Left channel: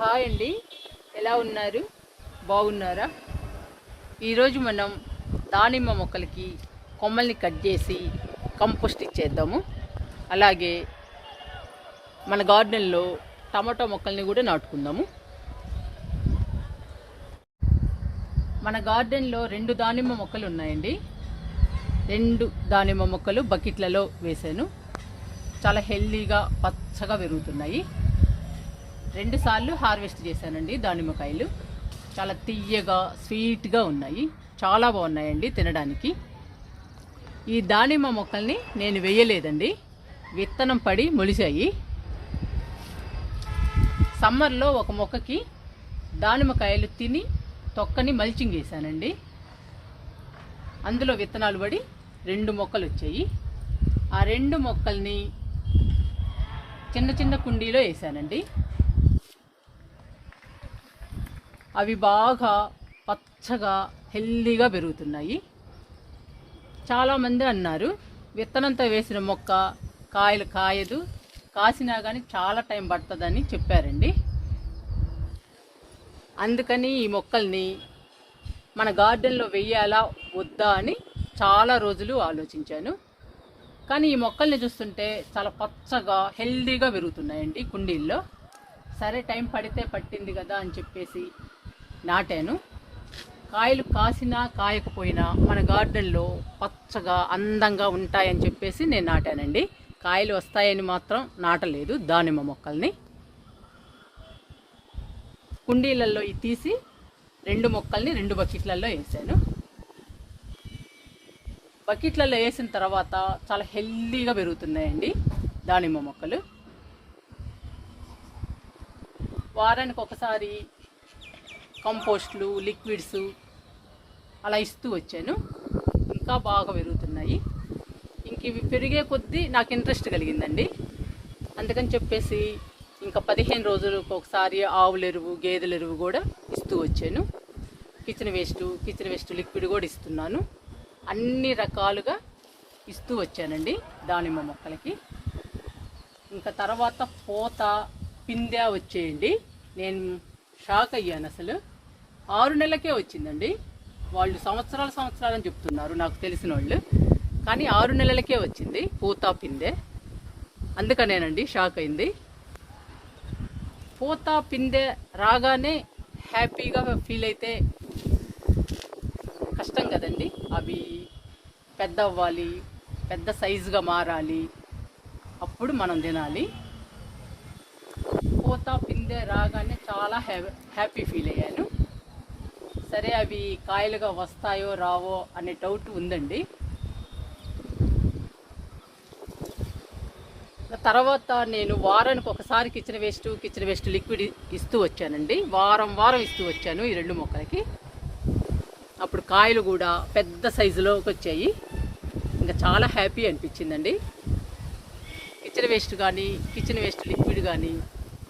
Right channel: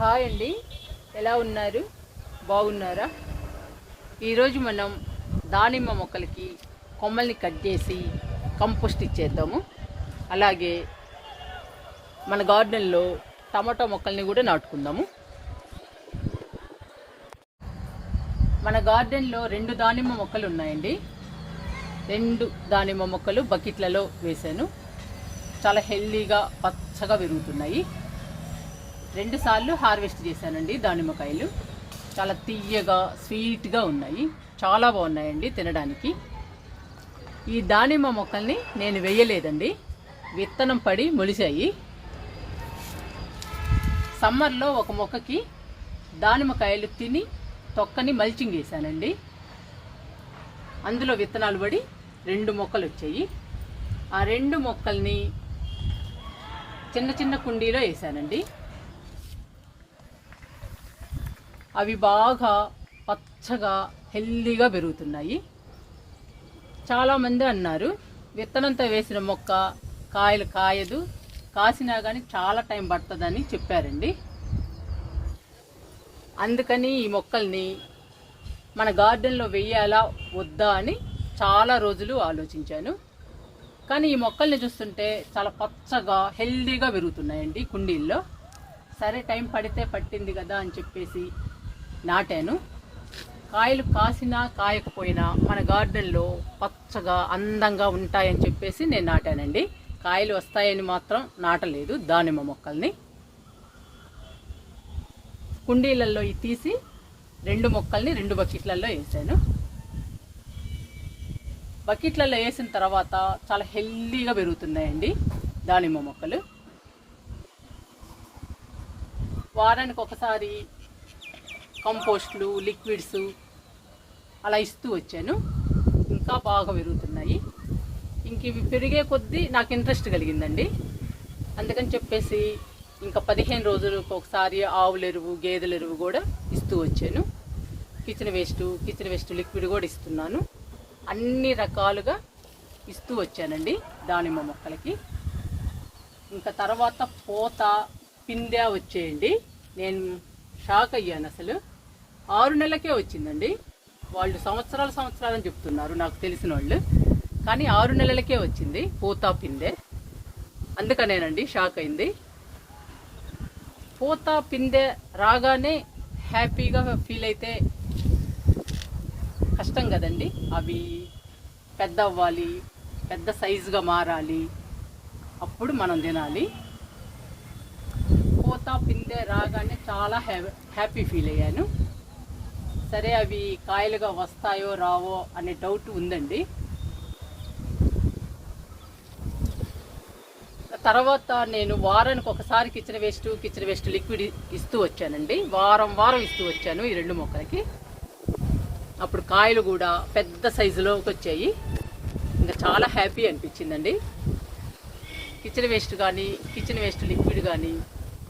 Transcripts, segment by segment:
Hi అండి. ఎలా ఉన్నారు? బాగున్నారా? ఈరోజు మనం దానిమ్మ మొక్కలకి కొమ్మల్ని కట్ చేసి కంపోస్ట్ ఇచ్చేద్దాము. అలాగే మన గార్డెన్లో టమాటో మొక్కల్ని కూడా నాటుకుందాము. మన గార్డెన్లో రెండు దానిమ్మ మొక్కలు ఉన్నాయండి. రెండు దానిమ్మ మొక్కలు బకెట్లలో వేశాను. చాలా హెల్దీగా పచ్చగా పెరుగుతున్నాయి. రెండు సార్లు హార్వెస్ట్ చేశానండి దానిమ్మకాయలు. చాలా తీయగా స్వీట్గా ఉన్నాయి. చాలా బాగున్నాయండి తినడానికి. ఈ దానిమ్మ మొక్కల్ని నేను వేయలేదండి. విత్తనం పడి మొలిచాయి సమ్మర్లో ఒక మొక్కకి దానిమ్మకాయలు తిని తొక్కని మల్చింగ్ వేశానండి. అందులో విత్తనాలు పడి రెండు మొక్కలు వచ్చాయి. ఆ రెండు మొక్కల్ని చిన్న చిన్న కుండీలో వేసానండి అవి బాగా పచ్చగా హెల్దీగా పెరుగుతున్నాయి. చాలామంది అన్నారు విత్తనంతో వేసిన మొక్క కాయలు కాయదు కాసినా కానీ చాలా టైం పడుతుందని చెప్పారండి. అందుకని ఈ మొక్కల్ని మన గార్డెన్లో వెయ్యాలా వద్దా అని చాలా రోజులు ఆలోచించాను. కానీ ఈ మొక్కల్ని చూస్తుంటే చాలా పచ్చగా హెల్దీగా పెరుగుతున్నాయండి కుండీల్లో. సరే టైం పడితే పట్టింది కదా అని చెప్పేసి నాటాను. కాయలు కాసినా కాయకపోయినా మన గార్డెన్లో పచ్చగా అందంగా ఉంటాయని చెప్పేసి నేను నాటానండి. కాయలు వస్తాయని మాత్రం నాటలేదు దానిమ్మ మొక్కల్ని. కుండీలలో తీసి రెండు మొక్కల్ని రెండు బకెట్లలో వేసాను బకెట్లలో వేసిన తర్వాత చాలా హెల్దీగా పెరుగుతున్నాయండి దానిమ్మ మొక్కలు. వారానికి ఒకసారి కంపోస్ట్లు లిక్విడ్స్ అలా ఇస్తూ వచ్చాను. ఇంకా బాగా పెరుగుతున్నాయి. ఇంక ఇవి పెరిగే కొద్దీ నాకు ఇంట్రెస్ట్ కలిగిందండి. అందుకని చెప్పేసి ఇంకా పదిహేను రోజులకు ఒకసారి ఆవుల ఎరువు గేదెల ఎరువు కూడా ఇస్తూ వచ్చాను. Kitchen waste kitchen waste liquid కూడా ఇస్తున్నాను. అన్ని రకాలుగా ఇస్తూ వచ్చానండి దానిమ్మ మొక్కలకి. ఇంకా తర్వాత పూత పిందె వచ్చేయండి. నేను షాక్ అయ్యాను అసలు. ఆరు నెలలకే వచ్చిందండి. వాళ్ళు సంవత్సరాలు సంవత్సరాలని చెప్తున్నారు నాకు తెలిసిన వాళ్ళు. కానీ ఆరు నెలలకే వచ్చింది పూత పిందే అందుకనేనండి షాక్ అయింది. పూత పిందె రాగానే హ్యాపీగా ఫీల్ అయితే కష్టం కదండి. అవి పెద్ద అవ్వాలి పెద్ద సైజుగా మారాలి. అప్పుడు మనం తినాలి. పూత పిందె రాగానే చాలా హ్యా- హ్యాపీ ఫీల్ అయ్యాను. సరే అవి కాయలుగా వస్తాయో రావో అనే డౌట్ ఉందండి. తర్వాత నేను వారానికి ఒకసారి kitchen waste kitchen waste liquid ఇస్తూ వచ్చానండి. వారం వారం ఇస్తూ వచ్చాను ఈ రెండు మొక్కలకి. అప్పుడు కాయలు కూడా పెద్ద సైజులోకి వచ్చాయి. ఇంకా చాలా హ్యాపీ అనిపించిందండి. కిచెన్ వేస్ట్ కానీ కిచెన్ వేస్ట్ లిక్విడ్ కానీ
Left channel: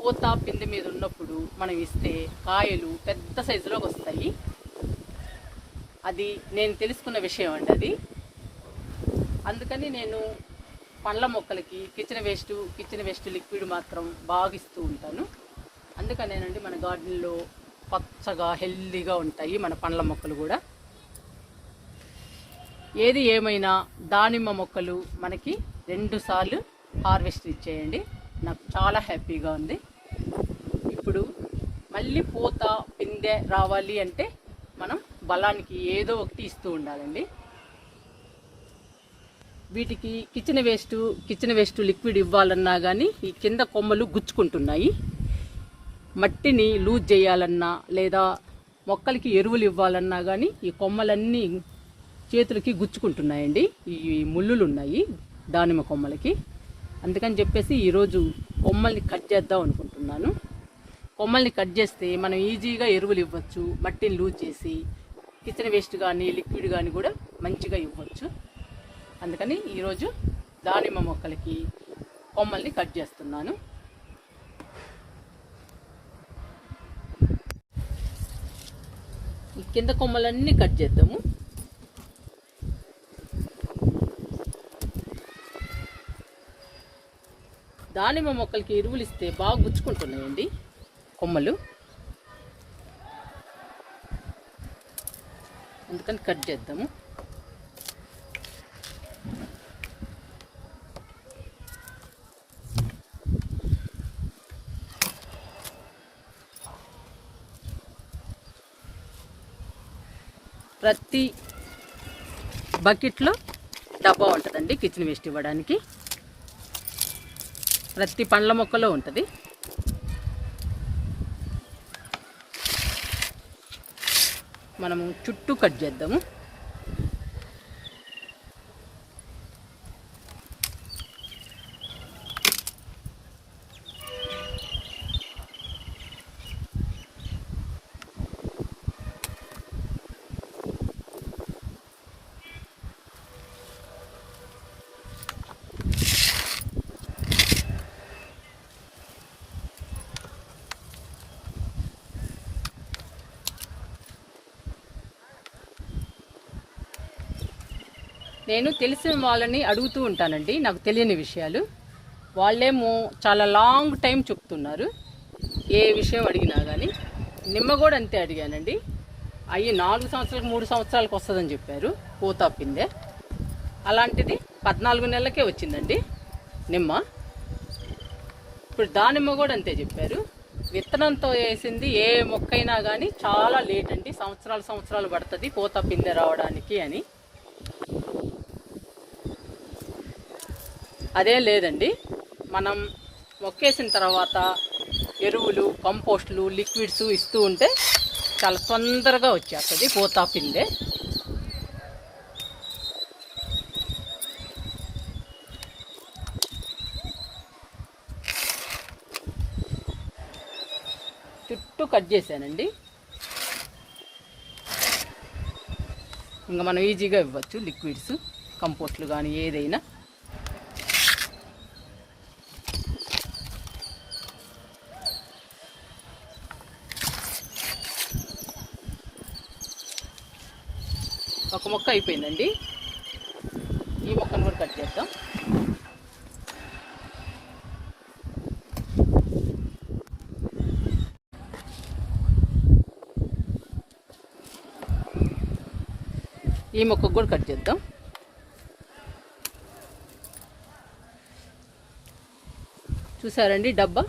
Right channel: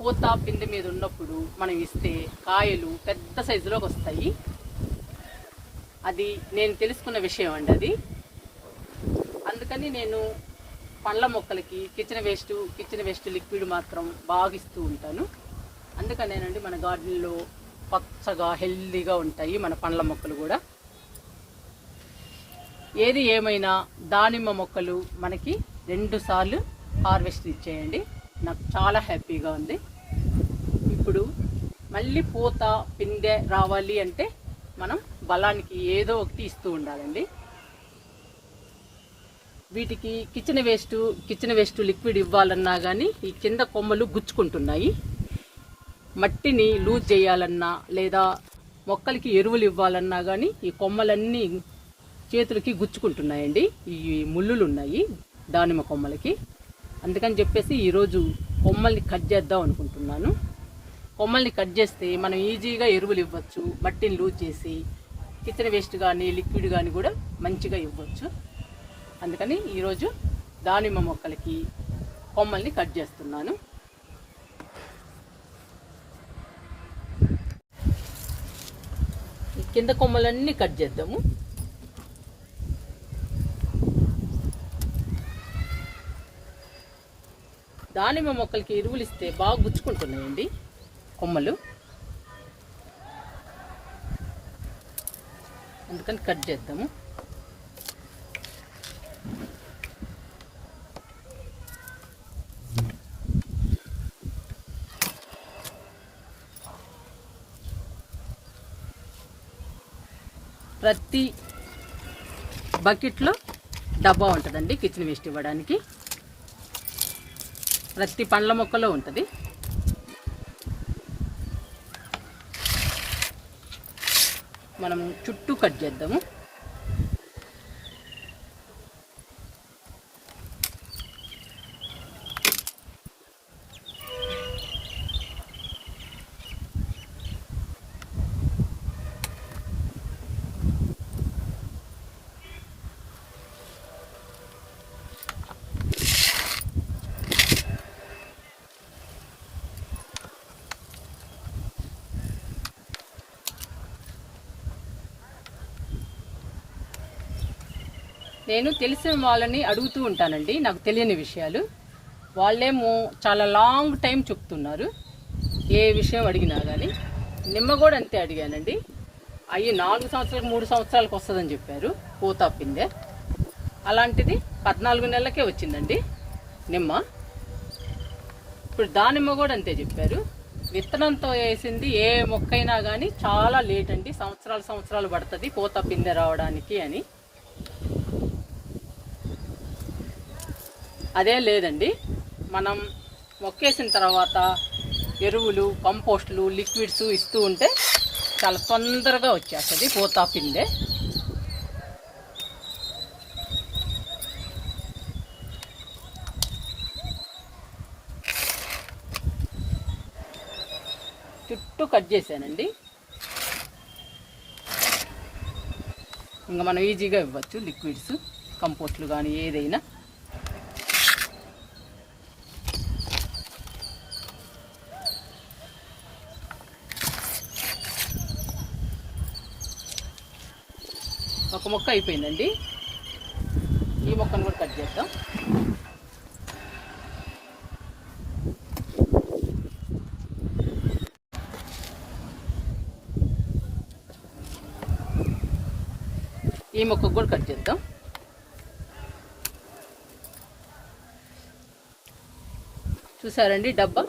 పూత పిండి మీద ఉన్నప్పుడు మనం ఇస్తే కాయలు పెద్ద సైజులోకి వస్తాయి. అది నేను తెలుసుకున్న విషయం అండి అది. అందుకని నేను పండ్ల మొక్కలకి kitchen waste kitchen waste liquid మాత్రం బాగా ఇస్తూ ఉంటాను. అందుకనేనండి మన గార్డెన్లో పచ్చగా హెల్దీగా ఉంటాయి మన పండ్ల మొక్కలు కూడా. ఏది ఏమైనా దానిమ్మ మొక్కలు మనకి రెండుసార్లు హార్వెస్ట్ ఇచ్చేయండి. నాకు చాలా హ్యాపీగా ఉంది. ఇప్పుడు మళ్ళీ పూత పిందె రావాలి అంటే మనం బలానికి ఏదో ఒకటి ఇస్తూ ఉండాలండి. వీటికి kitchen waste kitchen waste liquid ఇవ్వాలన్నా కానీ ఈ కింద కొమ్మలు గుచ్చుకుంటున్నాయి. మట్టిని లూజ్ చేయాలన్నా లేదా మొక్కలకి ఎరువులు ఇవ్వాలన్నా కానీ ఈ కొమ్మలన్నీ చేతులకి గుచ్చుకుంటున్నాయండి. ఈ ముళ్ళులు ఉన్నాయి దానిమ్మ కొమ్మలకి. అందుకని చెప్పేసి ఈరోజు కొమ్మల్ని కట్ చేద్దాం అనుకుంటున్నాను. కొమ్మల్ని కట్ చేస్తే మనం ఈజీగా ఎరువులు ఇవ్వచ్చు మట్టిని లూజ్ చేసి కిచెన్ వేస్ట్ కానీ లిక్విడ్ కానీ కూడా మంచిగా ఇవ్వచ్చు. అందుకని ఈరోజు దానిమ్మ మొక్కలకి కొమ్మల్ని కట్ చేస్తున్నాను. ఈ కింద కొమ్మలన్నీ కట్ చేద్దాము. దానిమ్మ మొక్కలకి ఎరువులు ఇస్తే బాగా గుచ్చుకుంటున్నాయండి కొమ్మలు. అందుకని కట్ చేద్దాము. ప్రతి బకెట్లో డబ్బా ఉంటుందండి కిచెన్ వేస్ట్ ఇవ్వడానికి. ప్రతి పండ్ల మొక్కలో ఉంటుంది. మనము చుట్టూ కట్ చేద్దాము. నేను తెలిసిన వాళ్ళని అడుగుతూ ఉంటానండి నాకు తెలియని విషయాలు. వాళ్ళేమో చాలా లాంగ్ టైం చెప్తున్నారు ఏ విషయం అడిగినా కానీ నిమ్మ కూడా అంతే అడిగానండి. అవి నాలుగు సంవత్సరాలకు మూడు సంవత్సరాలకు వస్తుందని చెప్పారు పూత పిందె. అలాంటిది పద్నాలుగు నెలలకే వచ్చిందండి నిమ్మ. ఇప్పుడు దానిమ్మ కూడా అంతే చెప్పారు. విత్తనంతో వేసింది ఏ మొక్కైనా కానీ చాలా లేట్ అండి సంవత్సరాలు సంవత్సరాలు పడుతుంది పూత పిందె రావడానికి అని. అదే లేదండి. మనం మొక్కేసిన తర్వాత ఎరువులు కంపోస్టులు లిక్విడ్స్ ఇస్తూ ఉంటే చాలా తొందరగా వచ్చేస్తుంది పూతా పిండే. చుట్టూ కట్ చేశానండి. ఇంకా మనం ఈజీగా ఇవ్వచ్చు లిక్విడ్స్ కంపోస్ట్లు కానీ ఏదైనా. ఒక మొక్క అయిపోయిందండి. ఈ మొక్కను కూడా కట్ చేద్దాం. ఈ మొక్కకు కూడా కట్ చేద్దాం. చూసారండి డబ్బా?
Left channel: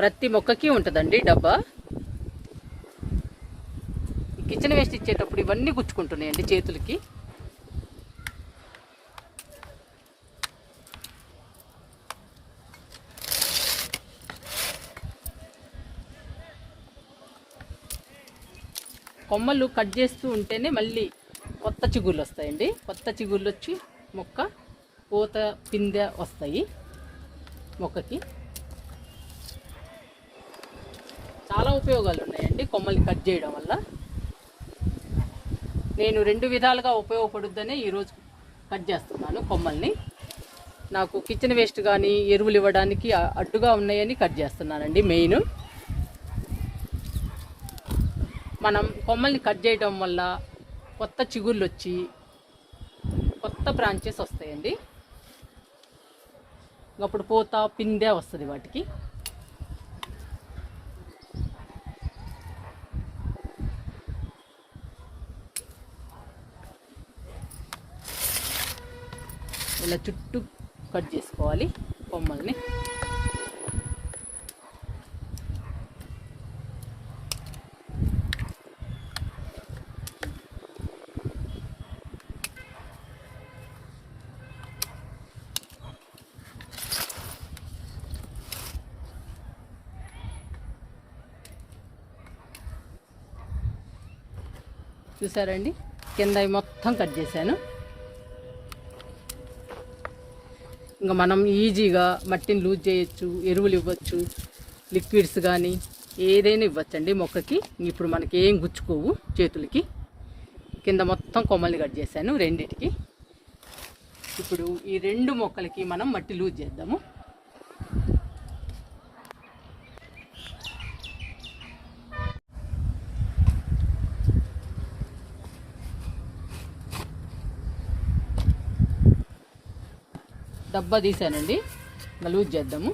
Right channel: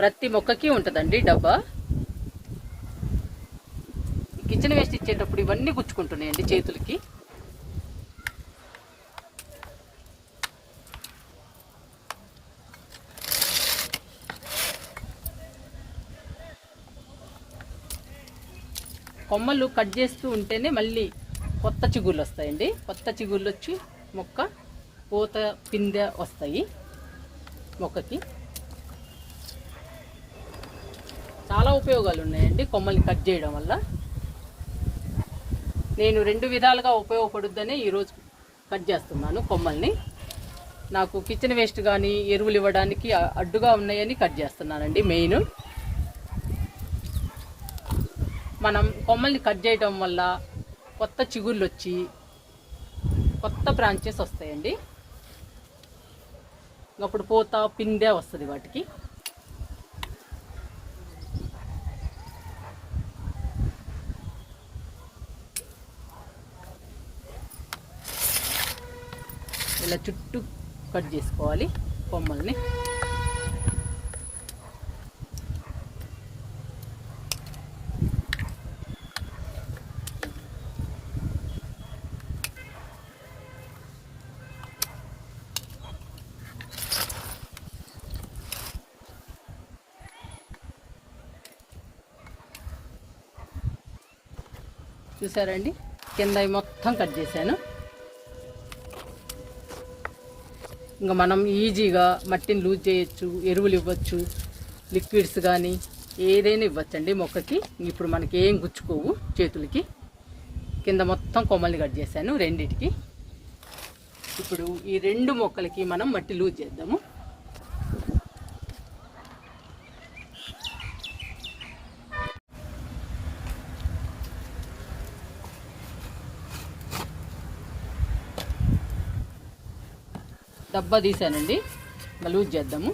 ప్రతి మొక్కకి ఉంటుందండి డబ్బా. కిచెన్ వేస్ట్ ఇచ్చేటప్పుడు ఇవన్నీ గుచ్చుకుంటున్నాయండి చేతులకి. కొమ్మలు కట్ చేస్తూ ఉంటేనే మళ్ళీ కొత్త చిగుళ్ళు వస్తాయండి. కొత్త చిగుళ్ళు వచ్చి మొక్క పూత పిందె వస్తాయి మొక్కకి. చాలా ఉపయోగాలు ఉన్నాయండి కొమ్మల్ని కట్ చేయడం వల్ల. నేను రెండు విధాలుగా ఉపయోగపడుద్దనే ఈరోజు కట్ చేస్తున్నాను కొమ్మల్ని. నాకు కిచెన్ వేస్ట్ కానీ ఎరువులు ఇవ్వడానికి అడ్డుగా ఉన్నాయని కట్ చేస్తున్నానండి మెయిన్. మనం కొమ్మల్ని కట్ చేయడం వల్ల కొత్త చిగుళ్ళు వచ్చి కొత్త బ్రాంచెస్ వస్తాయండి. అప్పుడు పూత పిందే వస్తుంది వాటికి. ఇలా చుట్టూ కట్ చేసుకోవాలి కొమ్మల్ని. చూసారండి? కింద మొత్తం కట్ చేశాను. ఇంకా మనం ఈజీగా మట్టిని లూజ్ చేయొచ్చు ఎరువులు ఇవ్వచ్చు లిక్విడ్స్ కానీ ఏదైనా ఇవ్వచ్చండి మొక్కకి. ఇప్పుడు మనకి ఏం గుచ్చుకోవు చేతులకి. కింద మొత్తం కొమ్మల్ని కట్ చేశాను రెండిటికి. ఇప్పుడు ఈ రెండు మొక్కలకి మనం మట్టి లూజ్ చేద్దాము. డబ్బా తీసానండి లూజ్ చేద్దాము.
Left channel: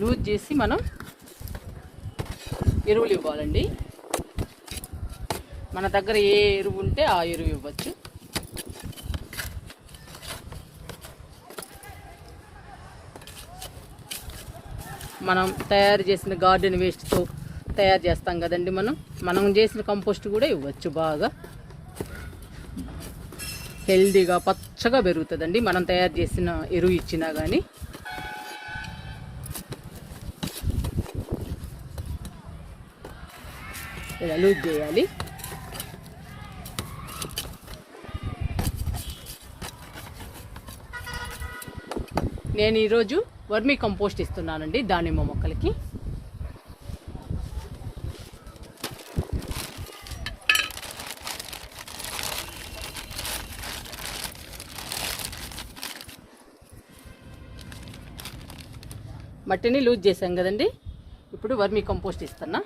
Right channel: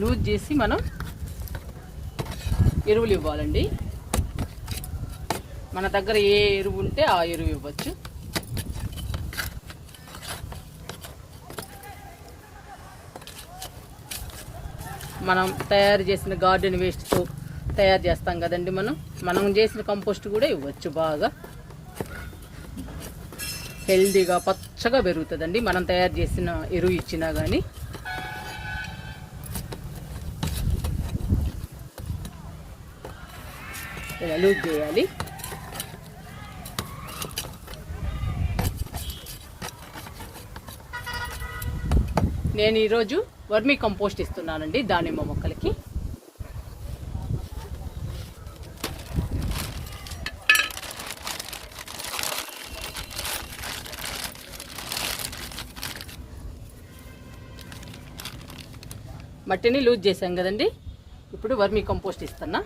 లూజ్ చేసి మనం ఎరువులు ఇవ్వాలండి. మన దగ్గర ఏ ఎరువు ఉంటే ఆ ఎరువు ఇవ్వచ్చు. మనం తయారు చేసిన గార్డెన్ వేస్ట్తో తయారు చేస్తాం కదండి మనం. మనం చేసిన కంపోస్ట్ కూడా ఇవ్వచ్చు బాగా. హెల్దీగా పచ్చగా పెరుగుతుందండి. మనం తయారు చేసిన ఎరువు ఇచ్చినా కానీ ఇలా లూజ్ చేయాలి. నేను ఈరోజు వర్మీ కంపోస్ట్ ఇస్తున్నానండి దానిమ్మ మొక్కలకి. మట్టిని లూజ్ చేశాం కదండి. ఇప్పుడు వర్మీ కంపోస్ట్ ఇస్తున్నా.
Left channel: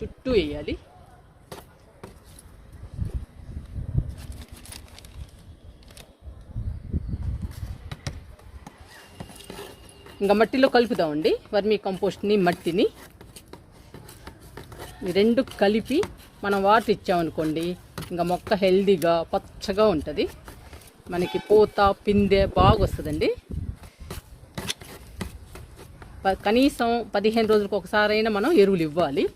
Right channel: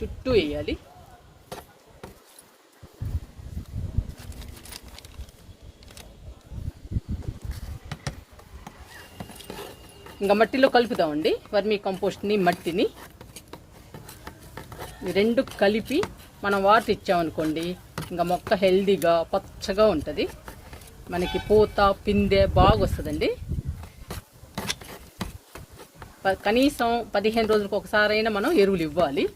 చుట్టూ వేయాలి. ఇంకా మట్టిలో కలుపుదామండి వర్మీ కంపోస్ట్ని మట్టిని. రెండు కలిపి మనం వాటర్ ఇచ్చామనుకోండి ఇంకా మొక్క హెల్దీగా పచ్చగా ఉంటుంది. మనకి పూత పిందె బాగా వస్తుందండి ప- కనీసం పదిహేను రోజులకు ఒకసారైనా మనం ఎరువులు ఇవ్వాలి.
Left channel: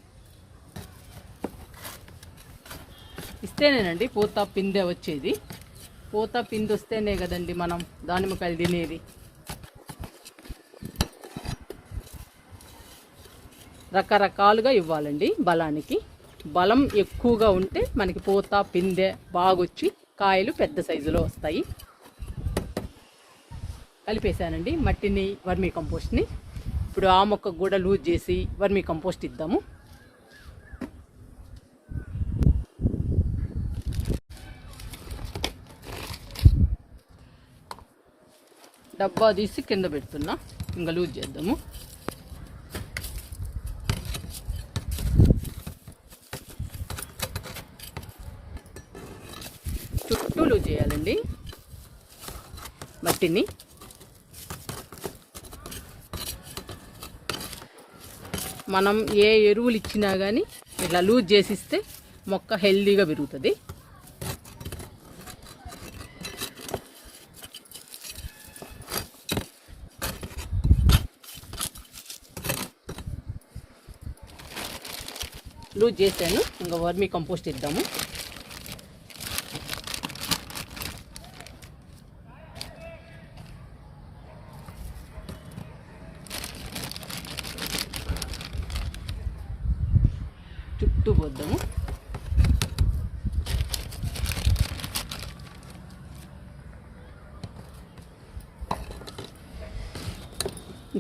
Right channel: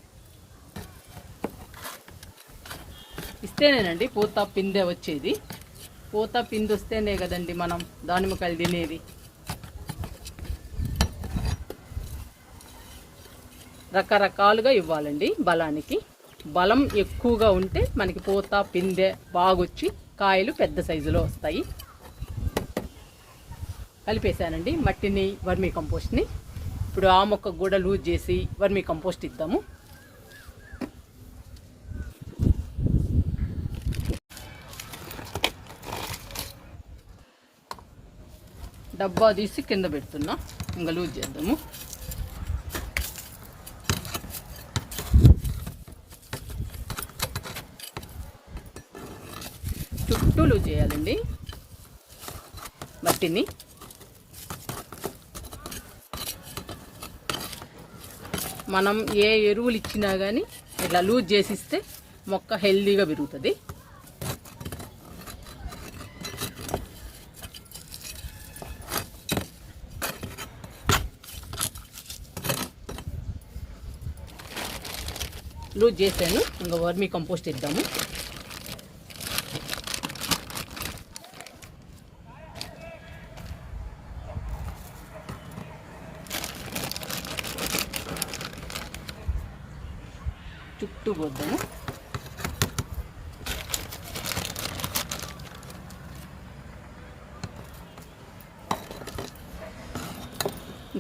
ఇస్తేనేనండి పూత పిందె వచ్చేది. పూత పిందె వస్తేనే కదండి మనం దానిమ్మకాయలు తినేది. రకరకాలుగా ఇవ్వాలండి బలానికి. బలం ఎక్కువగా ఉంటే మనకి పూత పిందె బాగొచ్చి కాయలు పెద్ద సైజులో వస్తాయి. కలిపేశానండి మట్టిని వర్మీ కంపోస్ట్ని. ఇప్పుడు ఆ మొక్కకు కూడా లూజ్ చేసి వర్మీ కంపోస్ట్ ఇద్దాము. డబ్బా తీసి కింద పెడుతున్నా. ఇంకా లూజ్ చేద్దాము. చుట్టూ లూజ్ చేయాలండి. మట్టిని. మనం ఏ ఎరువులు ఇచ్చినా కానీ ఇట్లా లూజ్ చేసిస్తే మొక్క హెల్దీగా పెరుగుతుంది. లూజ్ చేశాను ఇంకా వర్మీ కంపోస్ట్ ఇద్దాము చుట్టూ పోద్దాము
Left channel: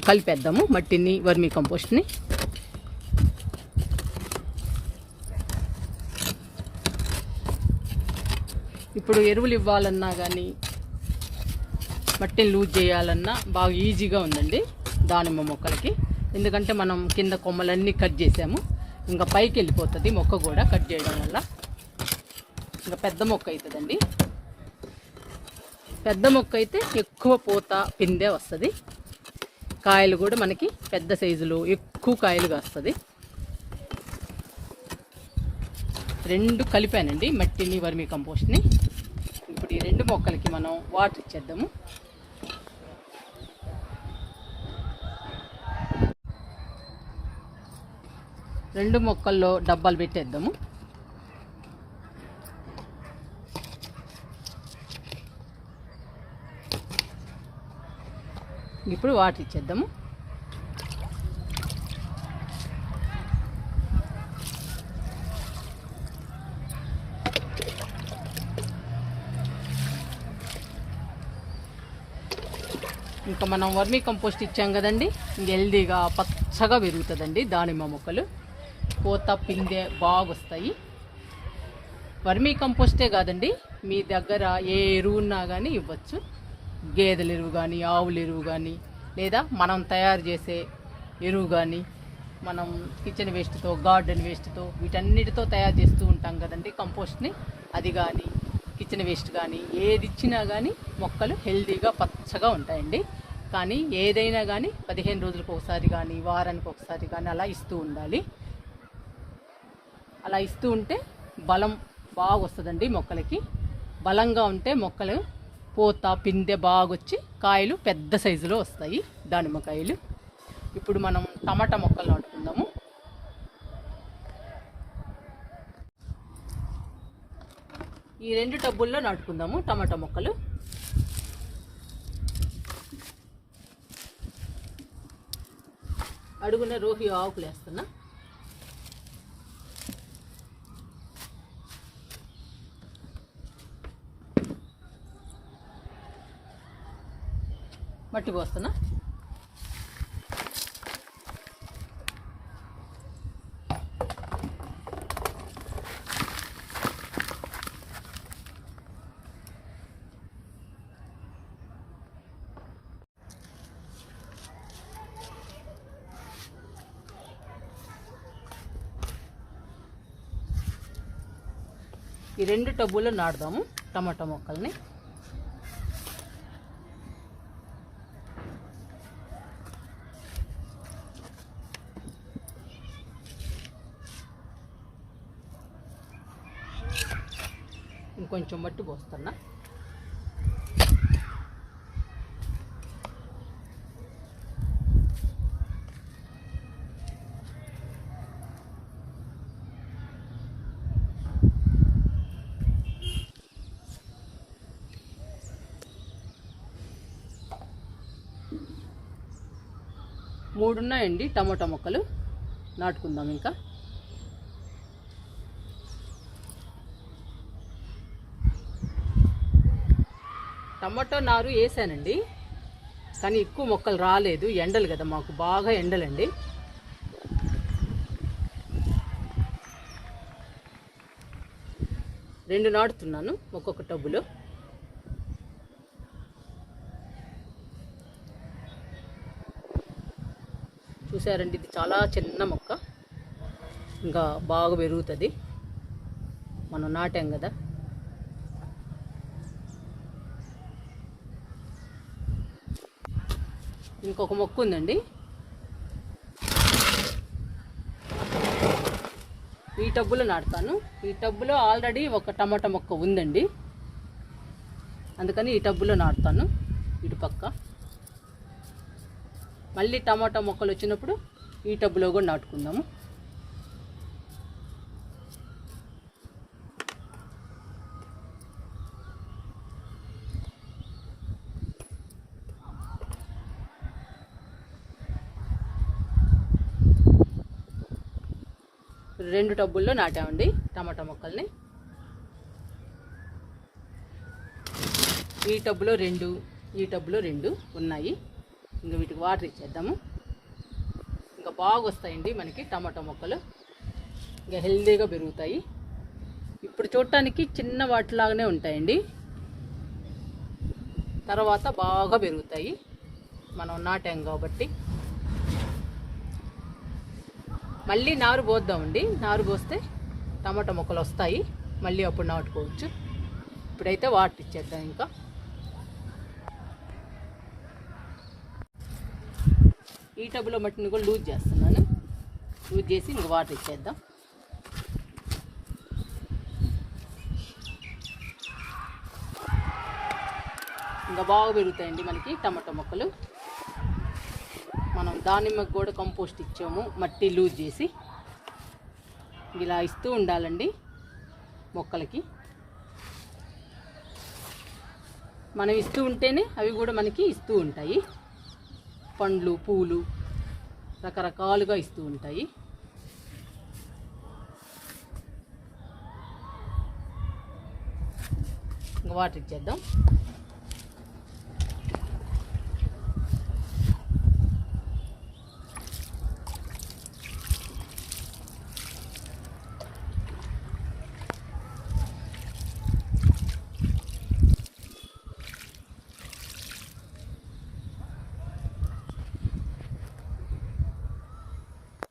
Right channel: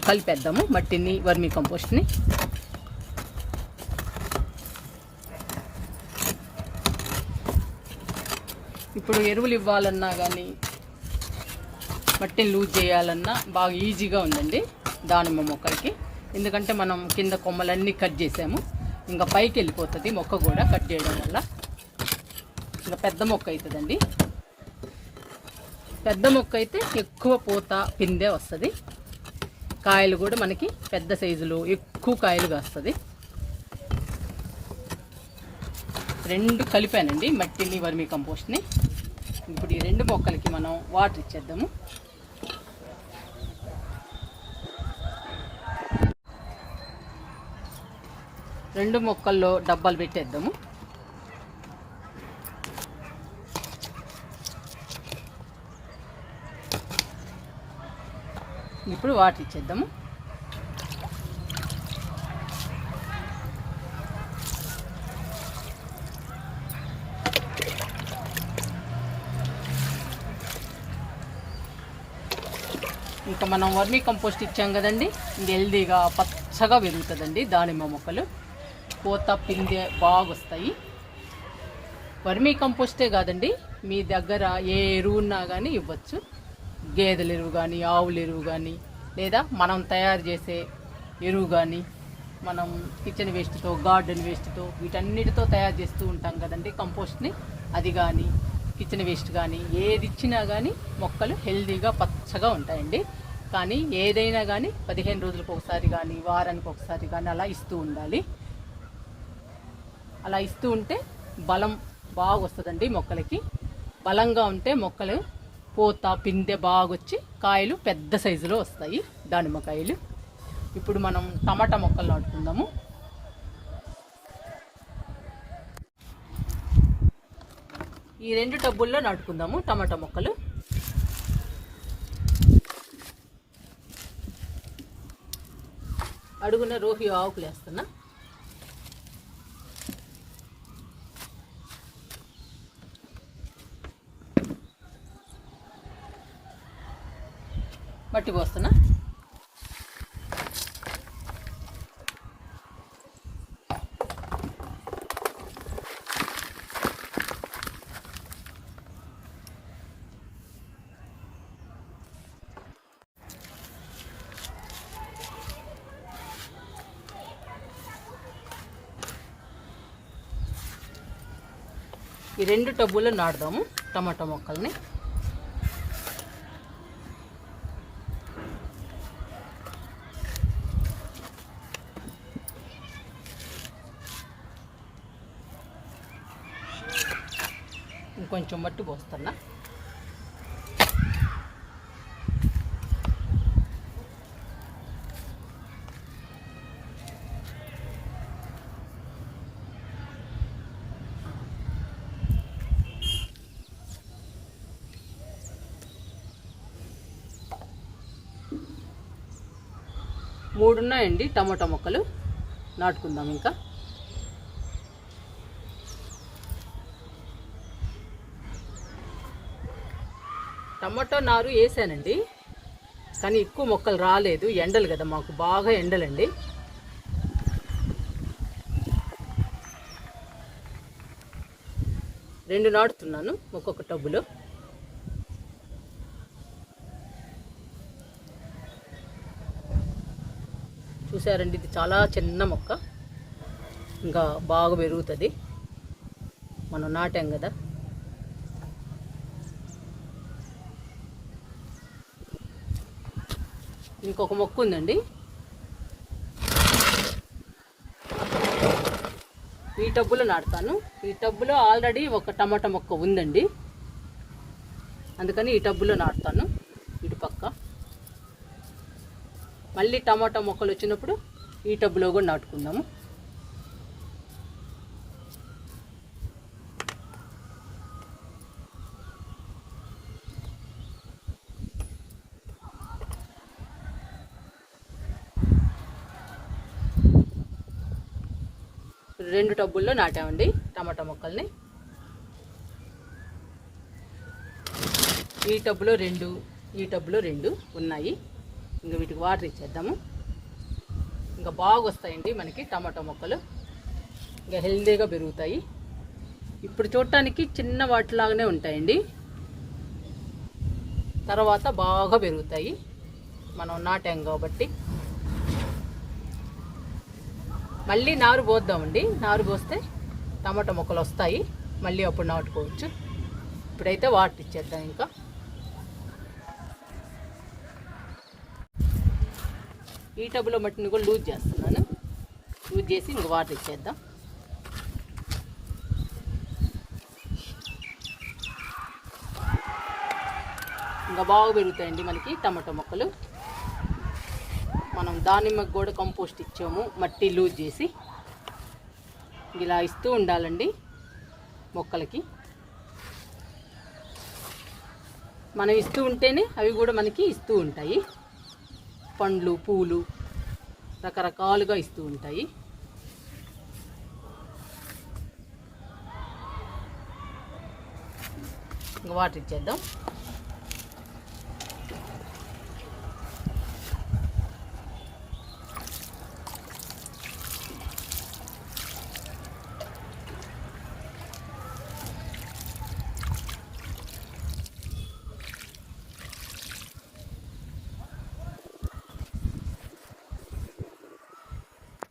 కలిపేద్దాము మట్టిని వర్మీ కంపోస్ట్ని. ఇప్పుడు ఎరువులు ఇవ్వాలన్నా కానీ మట్టిని లూజ్ చేయాలన్నా బాగా ఈజీగా ఉందండి దానిమ్మ మొక్కలకి. ఎందుకంటే మనం కింద కొమ్మలన్నీ కట్ చేసాము. ఇంకా పైకి వెళ్ళిపోతుంది మొక్క కూడా కట్ చేయడం వల్ల. ఇంకా పెద్ద మొక్క అవుతుందండి పెద్ద మొక్క అయితే ఎక్కువ పూత పిందె వస్తుంది. కాయలు కూడా మనకి పెద్ద సైజులో ఎక్కువ కాయలుగా వస్తుంది రెండు కలిపానండి మట్టిని వర్మీ కంపోస్ట్ని ఇప్పుడు ఈ రెండు మొక్కలకి మనం వాటర్ ఇచ్చేద్దాము. రెండు మొక్కల్లో డబ్బాలు పెట్టేద్దాము. ఇప్పుడు వాటర్ ఇచ్చేద్దాము. ఇంకా మనం వర్మీ కంపోస్ట్ ఇచ్చాం కదండి హెల్దీగా పచ్చగా పెరుగుతుందండి దానిమ్మ మొక్కలు. పూత పిందె బాగా వస్తాయి వర్మీ కంపోస్టే కాదండి మీ దగ్గర ఏ ఎరువున్నా కానీ ఇవ్వచ్చు. గేదెల ఎరువు కానీ ఆవుల ఎరువు కానీ లేదా మనం తయారు చేసే ఎరువు కానీ మనం కిచెన్ వేస్ట్తో గార్డెన్ వేస్ట్తో వీటన్నిటితో తయారు చేస్తూ ఉంటాం కదండి కంపోస్ట్ని. అది కానీ కిచెన్ వేస్ట్ కానీ ఏది ఇచ్చినా కానీ మొక్కలు హెల్దీగా పచ్చగా ఉంటాయండి. కానీ ఏదైనా కానీ పదిహేను రోజులకు ఒకసారి కానీ వారానికి ఒకసారి కానీ అలా ఇస్తూ ఉండాలి. అలా ఇస్తూ ఉంటే బలం బాగా వస్తుందండి మొక్కలకి. బలంగా ఉంటే మొక్కలు పూత పిందె బాగా వచ్చి కాయలు పెద్ద సైజులో వస్తాయి దానిమ్మకాయలు. ఇప్పుడు మనం టమాటా మొక్కలు నాటుకుందాము. ఈ రెండు టబ్బుల్లో నాటుకుందాము టమాటా మొక్కలు. అడుగున రోహి ఆకులు వేస్తున్నా. మట్టి పోస్తున్నా. ఈ రెండు టబ్బుల్లో నాటుదాము టమాటా మొక్కల్ని. కొంచెం మట్టి పోస్తున్నా. మూడు ఉన్నాయండి టమాటా మొక్కలు. నాటుకుందాం ఇంకా. టమాటో నారు వేసానండి. కానీ ఎక్కువ మొక్కలు రాలేదు. ఎండలు కదా మాకు బాగా ఎండలండి. రెండు నాటుతున్నాను ఒక్కొక్క టబ్బులో. చూసారండి ఇది చాలా చిన్న మొక్క. ఇంకా బాగా పెరుగుతుంది. మనం నాటాం కదా. ఇంకొక మొక్క ఉందండి. ఈ టబ్బులో నాటుతాను. ఈ టబ్బులో ఆల్రెడీ ఒక టమాటా మొక్క ఉందండి. అందుకని ఈ టబ్బులో నాటుతాను. ఇటు పక్క. మళ్ళీ టమాటా మొక్కలు వచ్చినప్పుడు ఈ టబ్బులో కూడా నాటుకుందాము. రెండు టబ్బుల్లో నాటామండి టమాటా మొక్కల్ని. ఈ టబ్బులో రెండు ఈ టబ్బులో రెండు ఉన్నాయి. ఇంకా వీటికి వాటర్ ఇచ్చేద్దాము. ఇంకా బాగా వస్తాయండి మనకి టమాటా మొక్కలు. ఇంకా హెల్దీగా పెరుగుతాయి. ఇప్పుడు చూడటానికి చిన్న వాటిలాగానే ఉంటాయండి. తర్వాత బాగా పెరుగుతాయి. మనం నాటాం కాబట్టి. మళ్ళీ నారు పోద్దామండి. నారు పోస్తే టమాటా మొక్కలు వస్తాయి. మళ్ళీ అప్పుడు నాటుకోవచ్చు. ఇప్పుడైతే వాటర్ ఇచ్చేద్దాం ఇంకా. ఈ టబ్లో మట్టిని కూడా లూజ్ చేస్తున్నాను. లూజ్ చేసి ఇంక వాటర్ ఇచ్చేద్దాం. ఇంకా బాగా పెరుగుతాయండి మనకి టమాటా మొక్కలు. మనం దానిమ్మకు కూడా కంపోస్ట్ ఇచ్చాము మట్టి లూజ్ చేసి. ఇలా ఇస్తూ ఉండాలండి మొక్కలకి. మనం ఇస్తూ ఉంటేనే అవి కూడా మనకి ఇస్తూ ఉంటాయి. పండ్లు పూలు రకరకాలుగా ఇస్తూ ఉంటాయి. ఇంకా వాటర్ ఇచ్చేద్దాం.